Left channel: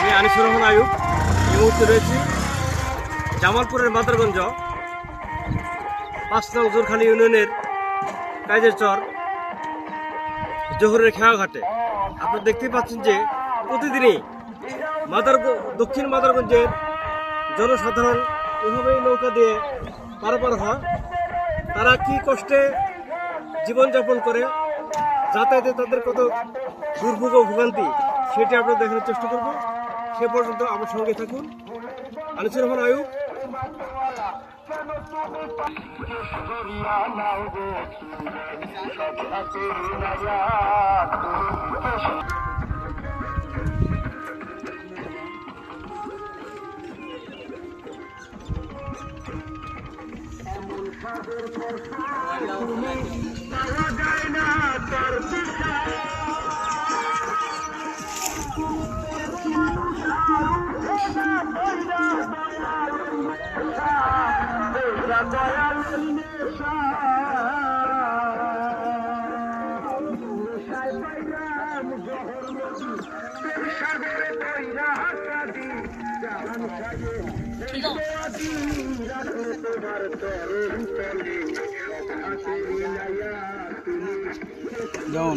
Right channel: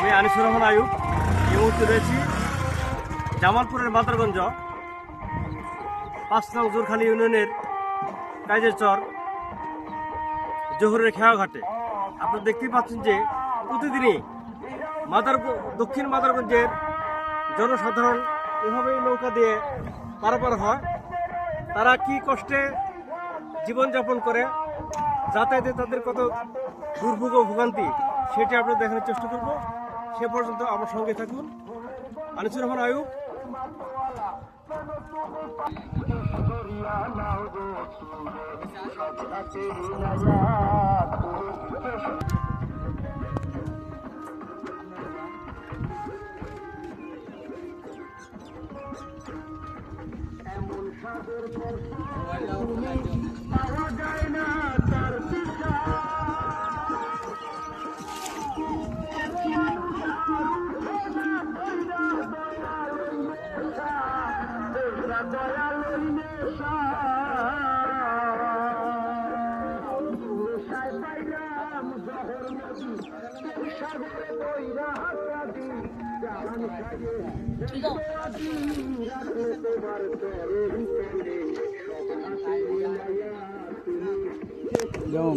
আমি আনিসুর রহমান আয়ুব। এই মুহূর্তে রয়েছি জামালপুরের মাদারগঞ্জ ৫ নং জোরখালী ইউনিয়নের কাজের চর জহুরের খেয়াঘাটে। আপনারা দেখতেই পাচ্ছেন যে প্রতিদিনই দক্ষিণ মাদারগঞ্জের জনসাধারণ এভাবেই নৌকা দিয়ে পারাপার হয়। তারা কি কষ্টে জীবনযাপন করে, যাতায়াতে তাদের কত দুর্ভোগ ও ভোগান্তি সেটি আমরা দেখানোর চেষ্টা করব। সে পর্যন্ত আমার সঙ্গে থাকুন। আনিসুর রহমান আয়ুব। যেমন